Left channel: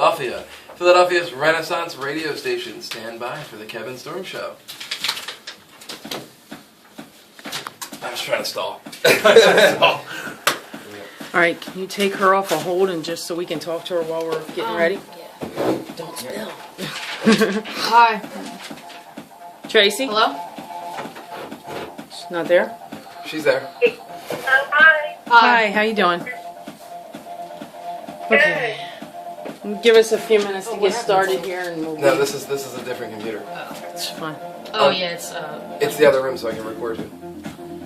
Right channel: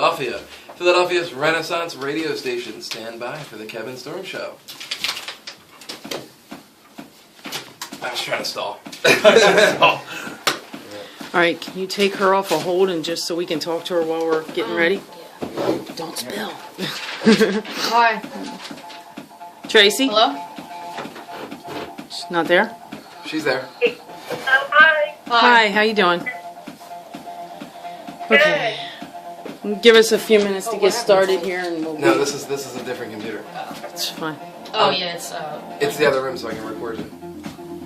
Philadelphia. Philadelphia's Renaissance radio station. Stand by for the Kevin Storm Show. I was trying to stall. All right, can you take her off a hold and just so we can talk to her while we're getting ready? Yeah. Don't spill. Hi. Tracy? Hello? She's not there? She's there. Hi. Hi, how you doing? Okay. Give us a few minutes to get started here and we'll No, this is a different computer. It's fine. Oh yeah, it's It's the other room so I can record you.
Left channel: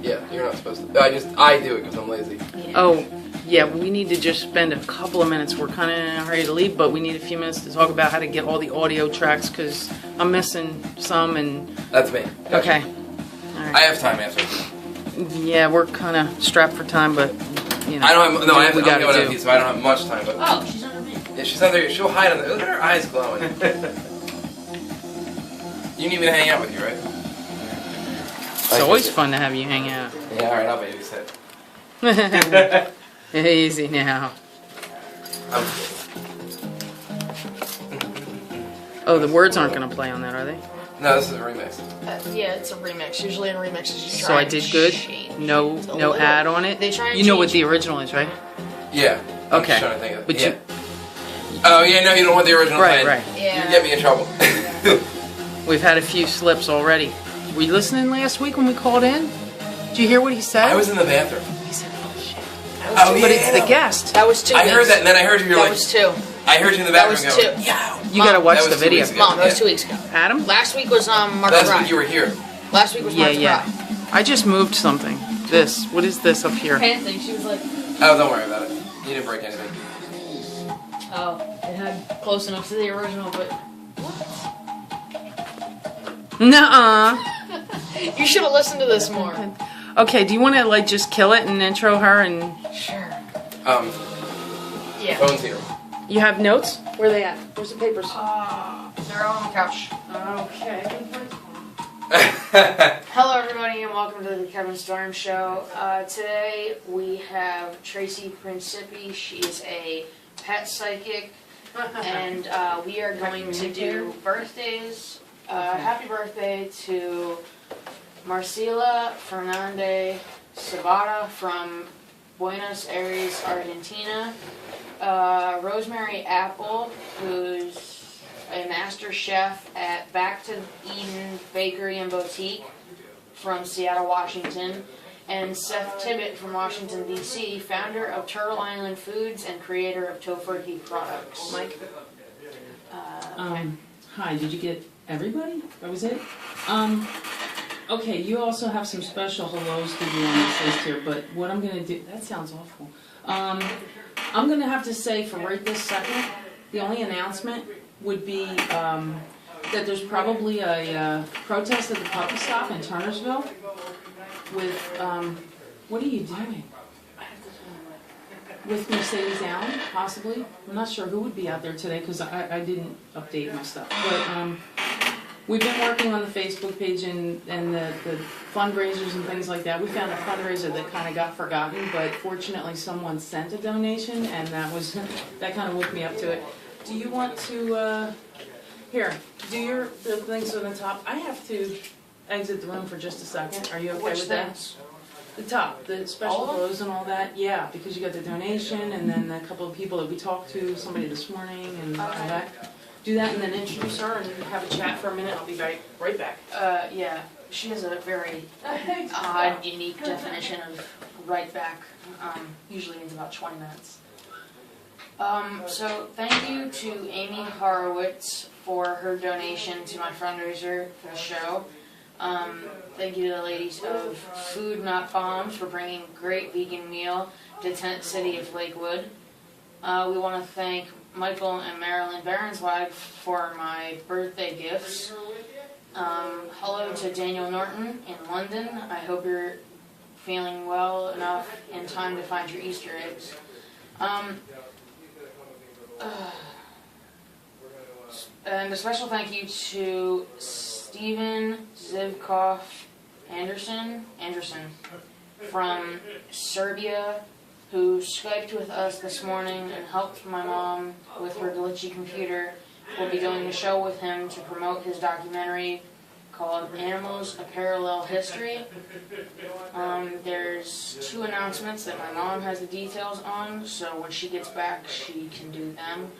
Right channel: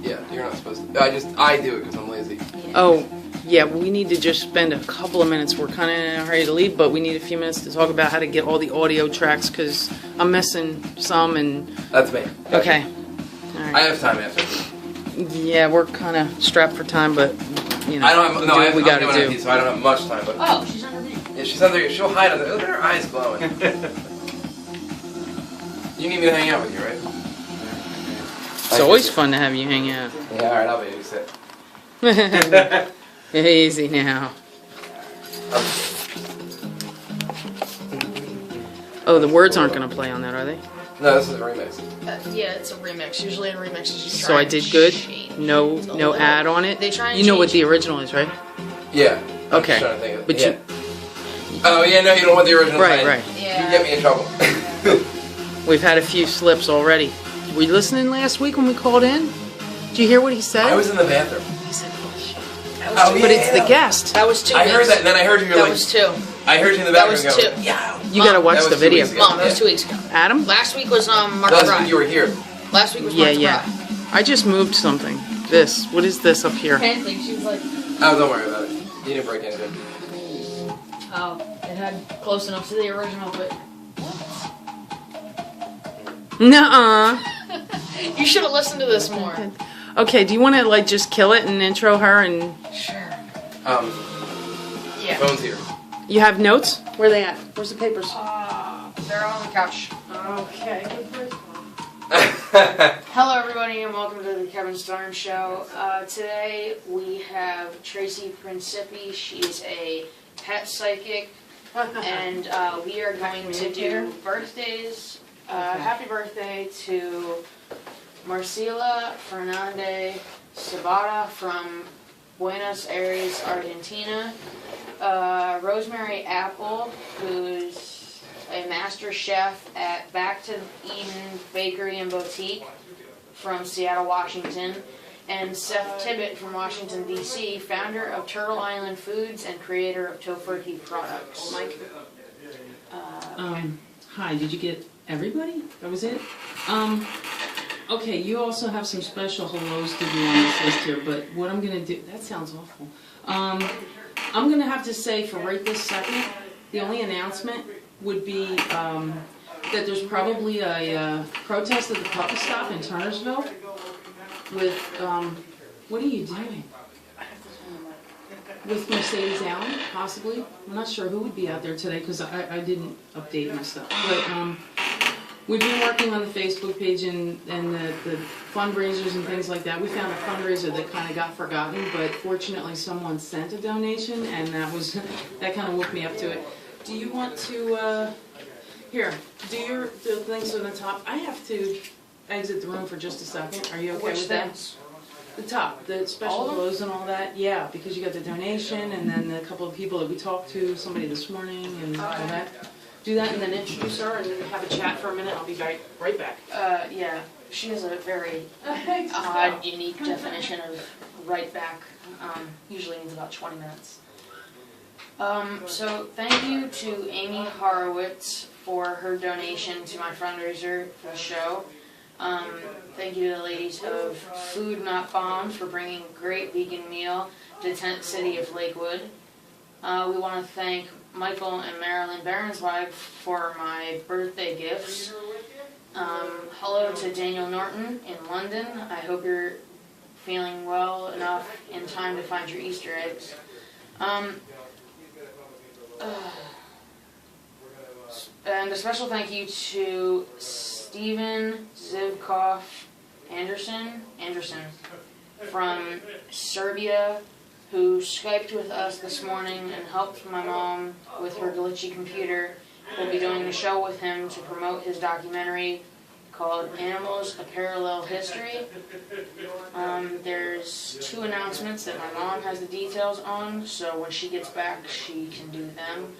Yeah, you're not supposed to. I do it because I'm lazy. yeah. Oh, yeah, we need to just spend a couple of minutes. We're kind of in a hurry to leave, but we need a few minutes to talk about how to get all the audio tracks because I'm missing some and... That's me. Gotcha. Okay. All right. I have time after. Yeah, we're kind of strapped for time, but, you know, I don't have. No, do what we got to do. So I don't have much time. But Oh, she's under me. yeah, she's under. She'll hide under. Look at her eyes glowing. You need me to hang out with you, right? It's always fun to have you hang out. Yeah, all right. I'll babysit. Easy now. Oh, the words aren't going to play on that, are they? No, this is a remix. Yeah, it's a remix. Usually in remixes you try So I and did good? change No it a no little. ad on it? They try and You know what change the original is, right? Yeah. I'm Okay. just trying to think of it. But yeah. Oh yeah, no, you don't want the original. Right, playing. right. Yeah. You get me in trouble. We've had a few slips already. Were you listening last week when we called in? Did you hear what he said? I was in the bathroom. He said bullshit. That was Oh, two. But it's the guest. That was 2 I weeks. heard that, and then I heard you. That was 2. I heard you in the That bathroom. was going, 2. Yeah. You gotta watch That the was 2 video. weeks ago. Mom, that was Yeah. 2 weeks ago. Adam? Last week was Mark Last the week you were Bride. here. Last week was Yeah, Mark the yeah. Bride. I just moved something. This. What is this up here? Anything. She was like, Oh, don't worry about it. You didn't break anything. oh, it had close enough to the original, but Nuh-uh. you should have listened to this more. Okay, do you want to like just kill it and intro her and... Sure. The Yeah. phone's here. You have notes? Where are they at? Where's the papers? They're on the couch. Okay. Hello, everybody, and welcome to the Kevin Storm Show. Today we have Tracy Principi. She is a pet psychic, and we are going to do birthdays. Happy birthday to Marcela Fernandez Sabata from Buenos Aires, Argentina. Rosemary Apple, who's a master chef at Back to Eden Bakery and Boutique from Seattle, Washington, and Seth Tibbett from Washington, D.C., founder of Turtle Island Foods and creator of Tofurkey products. Mike? Hi, did you get everybody? That was it? Okay, you also have some special hellos to do on this list here, but what I'm gonna do, that sounds awful. I'm gonna have to say for right this second, the only announcement would be, that there's probably a protest at the puppy stop in Turnersville with, what are you doing? With Mercedes Allen, possibly. I'm not sure who would be out there today because I didn't update my stuff. But we've been working on the Facebook page and the fundraisers and things like that. We found a fundraiser that kind of got forgotten, but fortunately someone sent a donation, and that kind of woke me up to it. Do you want to, here, do the things on the top. I have to exit the room for just a second. Are you okay with that? The top, the special clothes and all that. Yeah, because you got the donation and then a couple of people that we talked to, somebody this morning and all that. Do that and then introduce her and have a chat for a minute. I'll be right back. Yeah, she has a very odd, unique definition of right back. Usually means about 20 minutes. So thank you to Amy Horowitz for her donation to my fundraiser for the show. Thank you to the ladies of Food Not Bombs for bringing a great vegan meal to Tent City of Lakewood. We want to thank Michael and Marilyn Baronswag for my birthday gifts. Hello to Daniel Norton in London. I hope you're feeling well enough in time to find your Easter eggs. And a special thank you to Stephen Zivkov Anderson from Serbia, who Skyped with us this morning and helped my mom with her glitchy computer. We'll be doing a show with him to promote his documentary called Animals, A Parallel History. There's 2 announcements that my mom has the details on, so when she gets back, she can do them.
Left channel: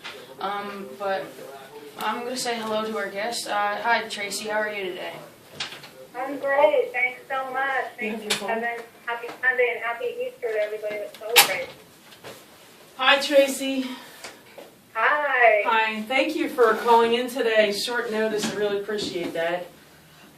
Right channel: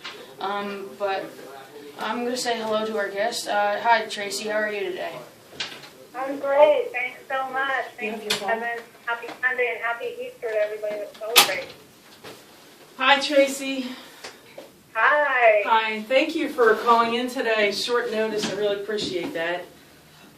But I'm going to say hello to our guest. Hi, Tracy. How are you today? I'm great. Thanks so much. Thank you, Beautiful. Kevin. Happy Sunday and happy Easter to everybody that celebrates. Hi, Tracy. Hi. Hi. Thank you for calling in today. Short notice. I really appreciate that.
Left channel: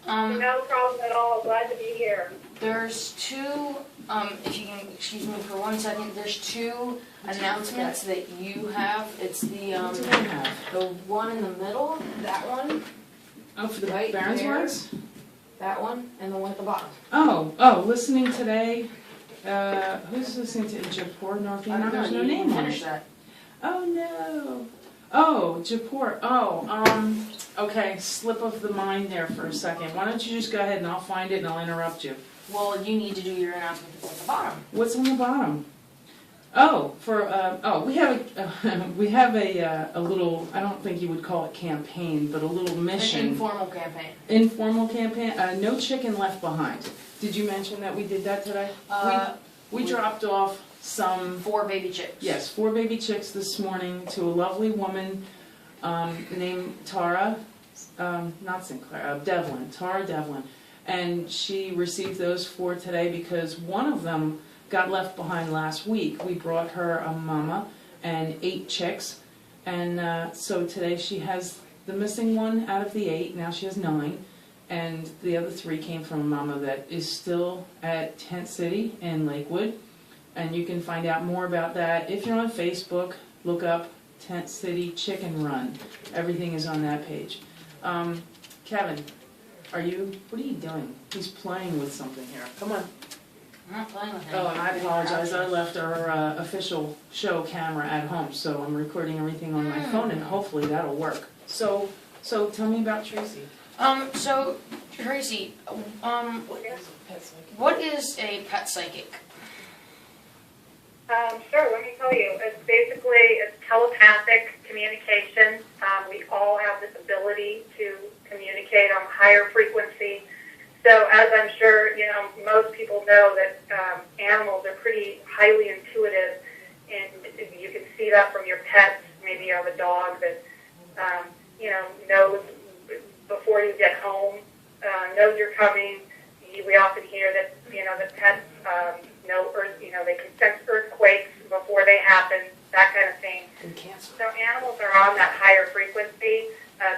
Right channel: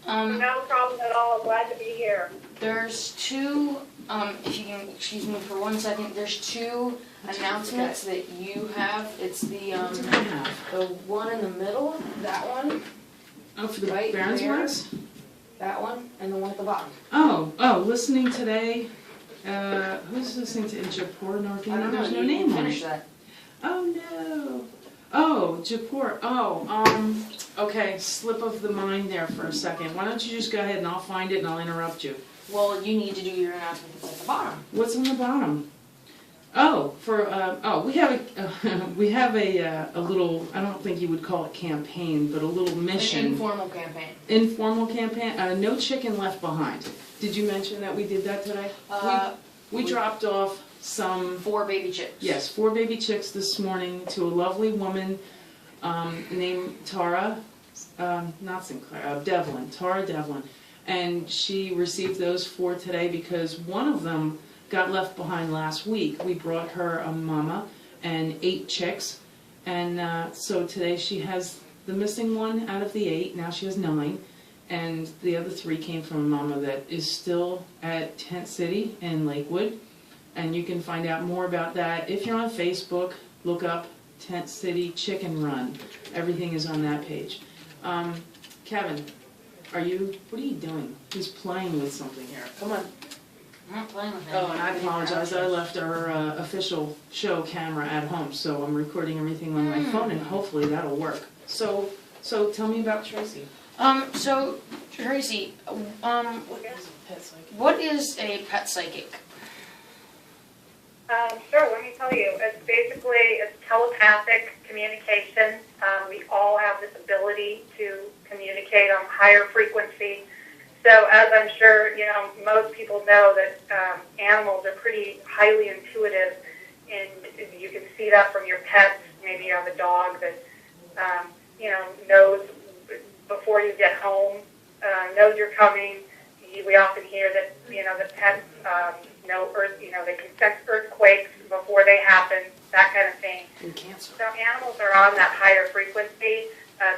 No problem at all. Glad to be here. There's 2, if you can excuse me for 1 second, there's 2 announcements that you have. It's the What did I have? the one in the middle, that one, Oh, for the Right Barons there. ones? that one, and the one at the bottom. Oh, listening today. Who's listening to Japor Northino? There's no name on Finish it. that. Oh no. Oh, Japor. Oh, okay, slip of the mind there for a second. Why don't you just go ahead and I'll find it and I'll interrupt you. Well, you need to do your announcement that's at the bottom. What's on the bottom? Oh, we have a little, I don't think you would call it campaign, but a little mission. An informal campaign. Informal campaign, no chicken left behind. Did you mention that we did that today? We dropped off some, 4 baby chicks. yes, 4 baby chicks this morning to a lovely woman named Tara, not Sinclair, Devlin, Tara Devlin. And she received those 4 today because one of them got left behind last week. We brought her a mama and 8 chicks. And so today she has the missing one out of the 8. Now she has 9. And the other 3 came from a mama that is still at Tent City in Lakewood. And you can find out more about that. If you're on Facebook, look up Tent City Chicken Run. Everything is on that page. Kevin, what are you doing? He's playing with something here. Come on. I'm not playing with it. Oh, and I apologize. I left our official show camera at home, so I'm recording everything on my phone, and hopefully that'll work. So tell me about Tracy. So, Tracy, what is a pet psychic? Sure, let me tell you. It's telepathic communication. We all have this ability to communicate on a higher frequency. So as I'm sure, most people know that animals are pretty highly intuitive, and you can see that from your pets. Maybe you have a dog that, knows before you get home, knows you're coming. We often hear that, the pets know they can sense earthquakes before they happen, that kind of thing. And cancer. So animals are on that higher frequency.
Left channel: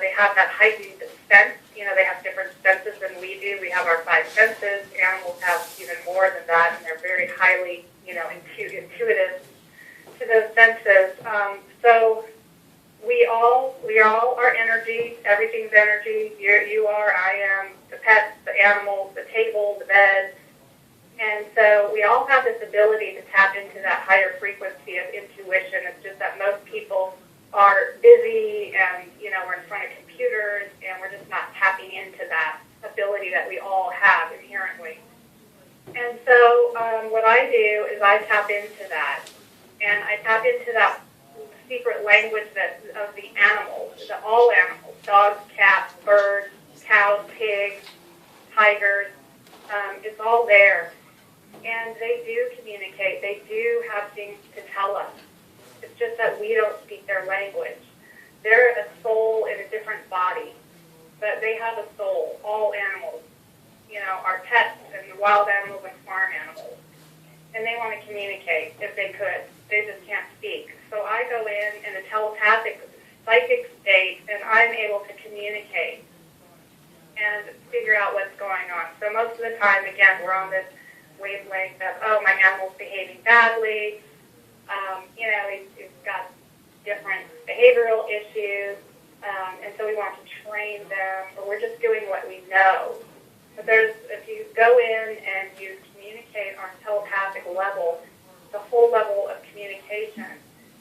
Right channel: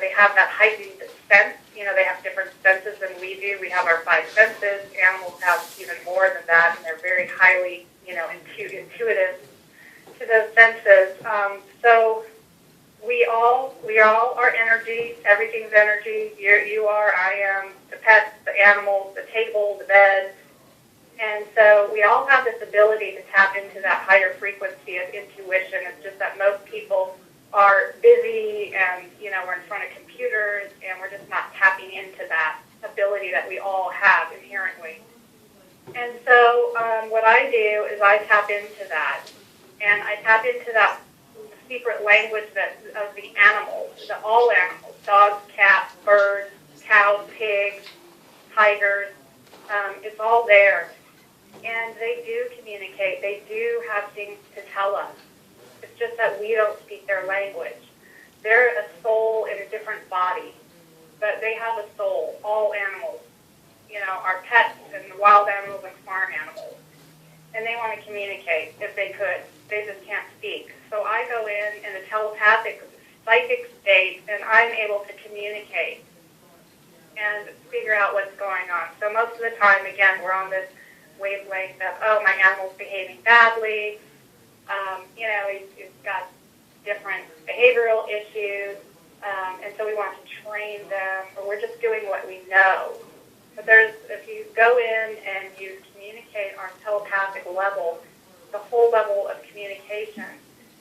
They have that heightened sense. They have different senses than we do. We have our 5 senses. Animals have even more than that, and they're very highly, intuitive to those senses. So we all are energy. Everything's energy. You are, I am, the pets, the animals, the table, the bed. And so we all have this ability to tap into that higher frequency of intuition. It's just that most people are busy and, we're in front of computers and we're just not tapping into that ability that we all have inherently. And so what I do is I tap into that. And I tap into that secret language of the animals, all animals, dogs, cats, birds, cows, pigs, tigers. It's all there. And they do communicate. They do have things to tell us. It's just that we don't speak their language. They're a soul in a different body, but they have a soul, all animals. Our pets and wild animals and farm animals. And they want to communicate if they could. They just can't speak. So I go in a telepathic, psychic state, and I'm able to communicate and figure out what's going on. So most of the time, again, we're on this wavelength of, my animal's behaving badly. He's got different behavioral issues, and so we want to train them, or we're just doing what we know. But if you go in and you communicate on a telepathic level, the whole level of communication,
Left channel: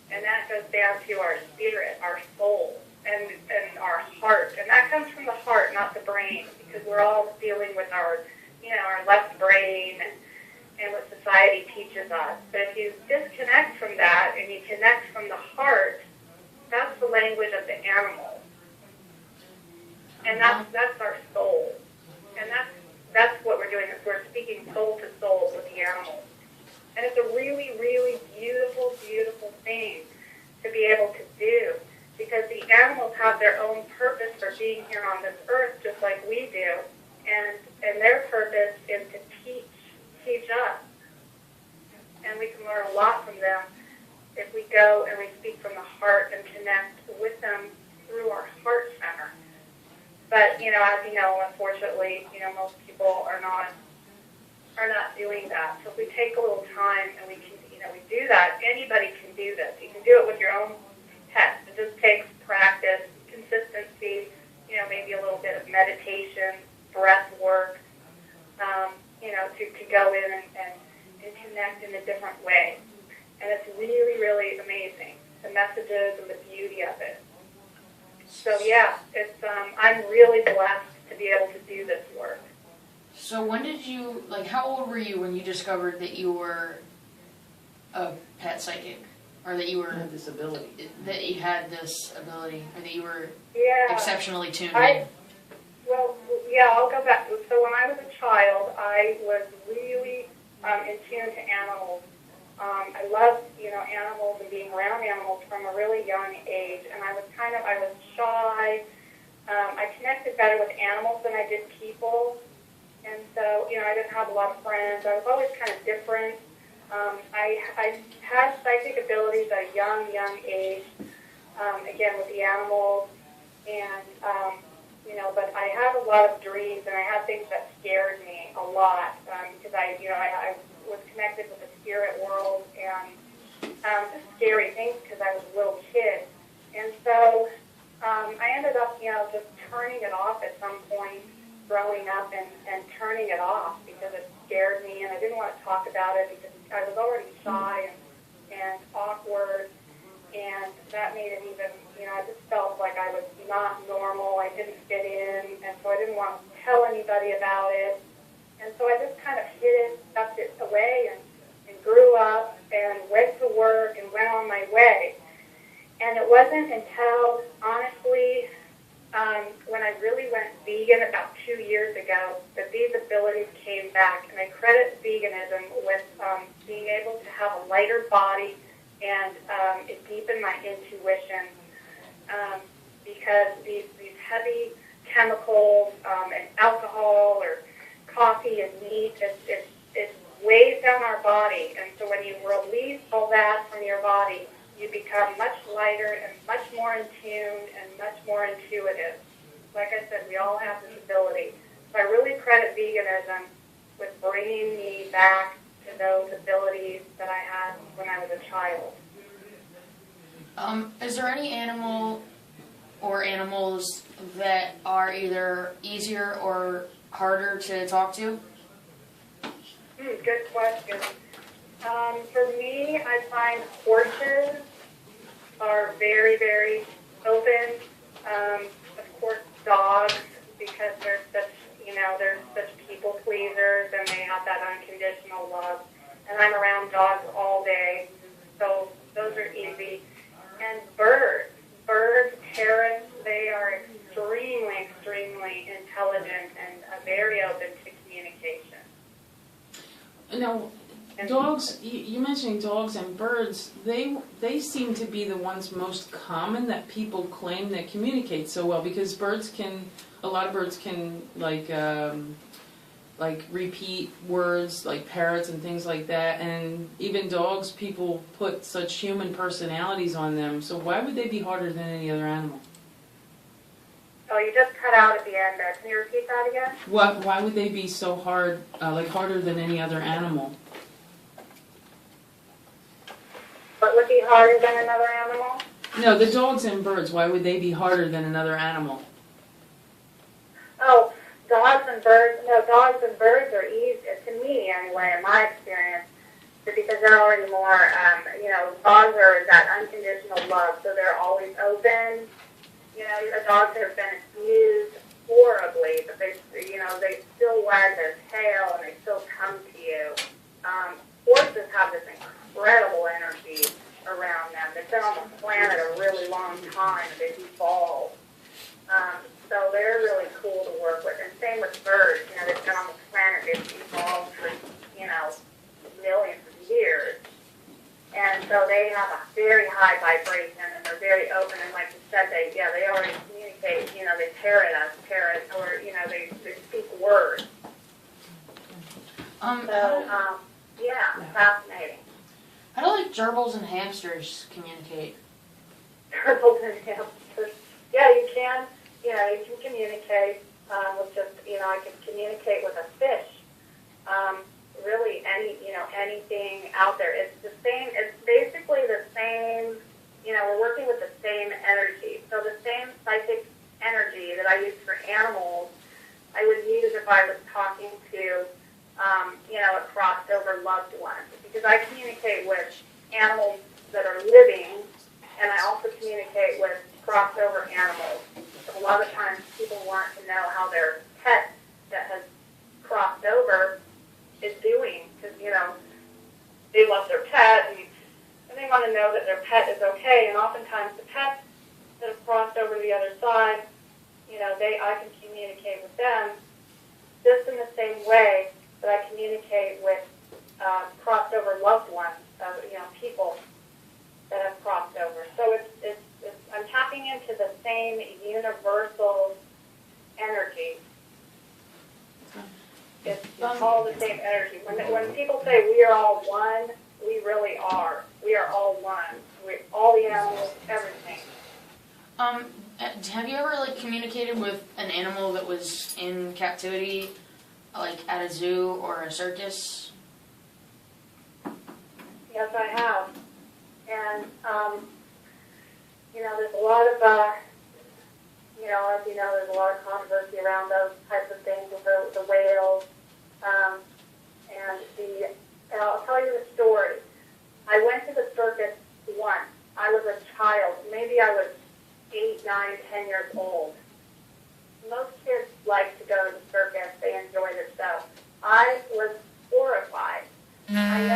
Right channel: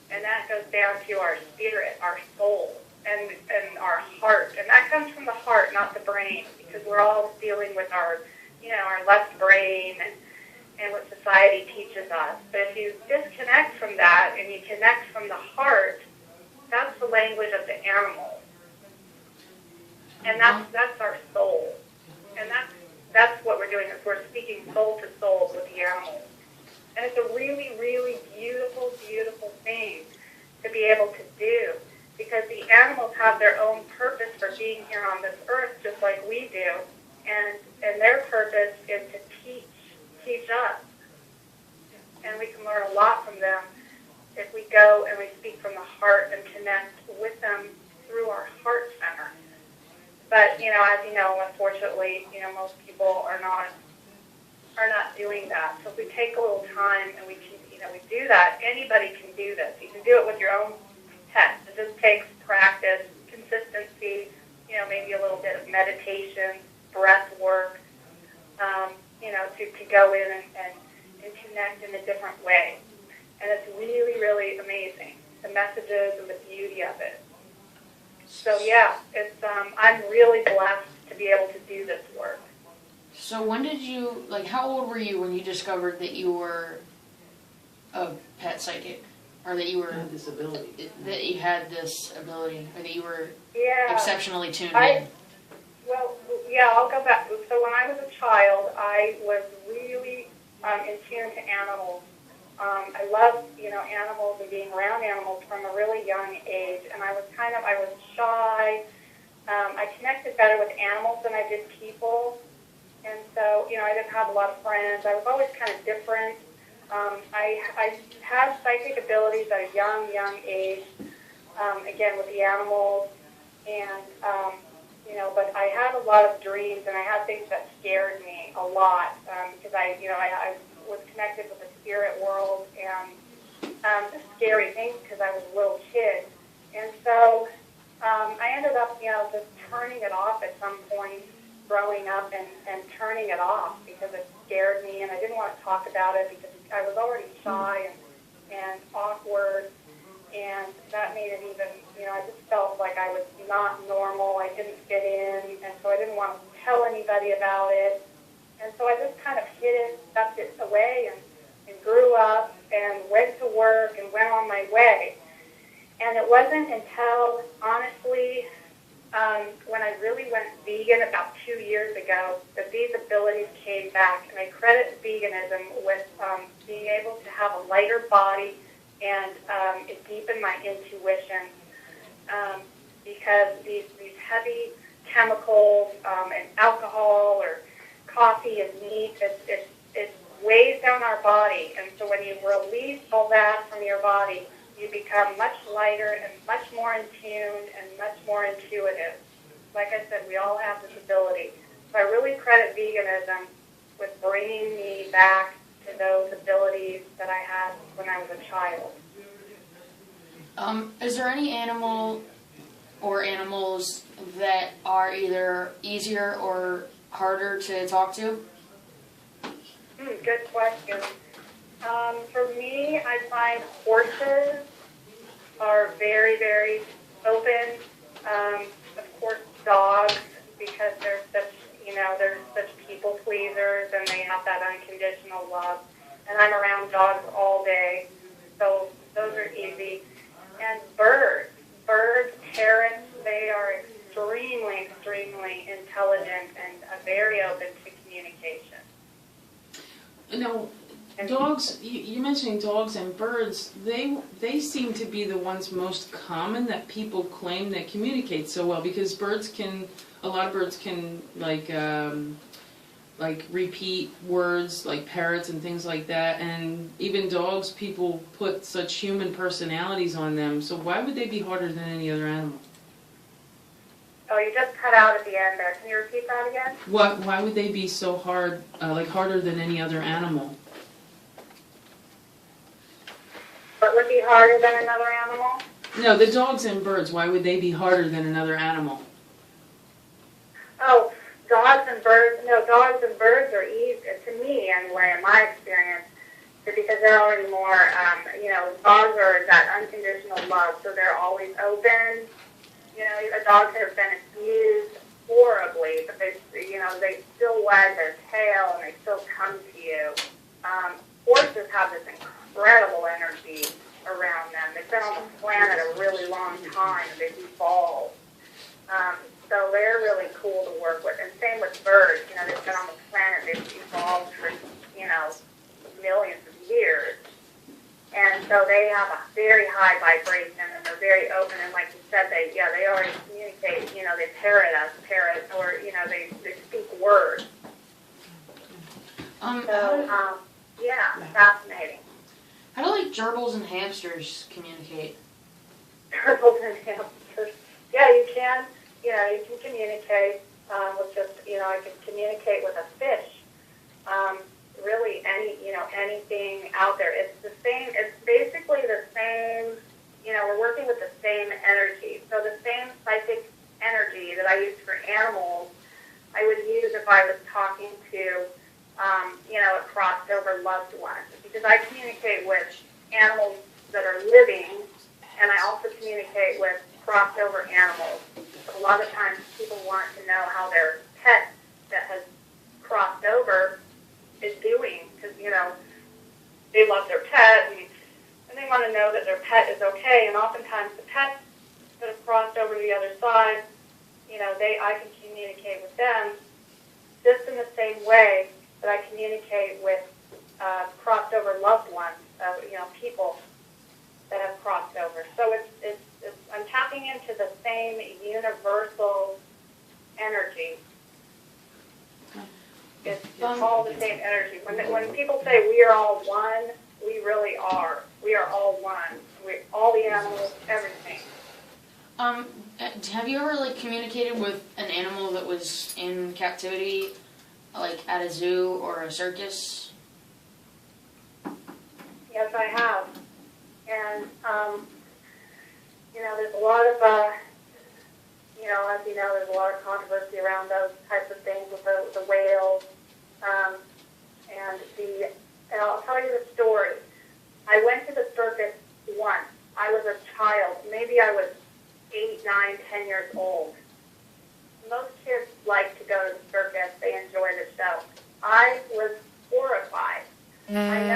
and that goes down to our spirit, our soul, and our heart. And that comes from the heart, not the brain, because we're all dealing with our left brain and what society teaches us. But if you language of the animal. And that's our soul. And that's what we're doing, is we're speaking soul to soul with the animals. And it's a really, really beautiful, beautiful thing to be able to do, because the animals have their own purpose for being here on this earth, just like we do. And their purpose is to teach us. And we can learn a lot from them if we go and we speak from the heart and connect with them through our heart center. But, you know, as you know, unfortunately, you know, most people are not doing that. So if we take a little time and we can, you know, we do that, anybody can do this. You can do it with your own pets. It just takes practice, consistency, you know, maybe a little bit of meditation, breath work, you know, to go in and connect in a different way. And it's really, really amazing, the messages and the beauty of it. So, yeah, it's I'm really blessed to be able to do this work. So when did you, like, how old were you when you discovered that you were a pet psychic? Or that you were... Had this ability. That you had this ability, or that you were Yeah. exceptionally tuned in? Well, yeah, I'll go back. So when I was a child, I was really in tune to animals. I loved, you know, animals and being around animals from a really young age. And I was shy. I connected better with animals than I did people. And so, you know, I didn't have a lot of friends. I was always kind of different. I had psychic abilities at a young age, again, with the animals. And, you know, but I had a lot of dreams, and I had things that scared me a lot, because I was connected with the spirit world and just scary things because I was a little kid. And so I ended up, you know, just turning it off at some point, growing up and turning it off because it scared me, and I didn't want to talk about it because I was already shy and awkward, and that made it even, you know, I just felt like I was not normal, I didn't fit in, and so I didn't want to tell anybody about it, and so I just kind of hid it, stuffed it away, and grew up and went to work and went on my way. And it wasn't until, honestly, when I really went vegan about 2 years ago, that these abilities came back. And I credit veganism with being able to have a lighter body, and it deepened my intuition, because these heavy chemicals and alcohol or coffee and meat, it weighs down our body. And so when you release all that from your body, you become much lighter and much more in tune and much more intuitive. Like I said, we all have this ability. So I really credit veganism with bringing me back to those abilities that I had when I was a child. Is there any animal or animals that are either easier or harder to talk to? Good question. For me, I find horses are very, very open. Of course, dogs, because they're such people pleasers, and they have that unconditional love. And I'm around dogs all day, so those are easy. And birds, parrots, they are extremely, extremely intelligent and very open to communication. Now, dogs, you're mentioning dogs and birds, they seem to be the ones most common that people claim that communicate so well, because a lot of birds can like repeat words like parrots and things like that, and even dogs, people put such human personalities on them, so why would they be harder than any other animal? Oh, you just cut out at the end there. Can you repeat that again? Why would they be so hard, harder than any other animal? What would be harder than another animal? No, the dogs and birds, why would they be harder than another animal? Oh, dogs and birds are easy, to me anyway, in my experience, because they're already more, dogs are that unconditional love, so they're always open. You know, dogs have been abused horribly, but they still wag their tail and they still come to you. Horses have this incredible energy, around them. They've been on the planet a really long time, and they've evolved. So they're really cool to work with. And same with birds. You know, they've been on the planet, they've evolved for, you know, millions of years. And so they have a very high vibration, and they're very open. And like you said, they already communicate. You know, they parrot, or you know, they speak words. Fascinating. How do like gerbils and hamsters communicate? Turtles and hamsters. Yeah, you can. You know, you can communicate with just. You know, I can communicate with a fish. Really, anything out there. It's the same. It's basically the same. You know, we're working with the same energy. So the same psychic energy that I use for animals, I would use if I was talking to, you know, a crossed over loved one. Because I communicate with animals that are living, and I also communicate with crossed over animals. So a lot of times people want to know how their pet that has crossed over is doing, because, you know, they love their pet, and they want to know that their pet is okay. And oftentimes the pets that have crossed over to the other side, you know, I can communicate with them just in the same way that I communicate with crossed over loved ones, you know, people that have crossed over. So it's I'm tapping into the same universal energy. It's all the same energy. When people say we are all one, we really are. We are all one. All the animals, everything. Have you ever like communicated with an animal that was in captivity, like at a zoo or a circus? Yes, I have. And you know, there's a lot of you know, as you know, there's a lot of controversy around those types of things with the whales. And I'll tell you the story. I went to the circus once. I was a child. Maybe I was 8, 9, 10 years old. Most kids like to go to the circus. They enjoy the show. I was horrified. I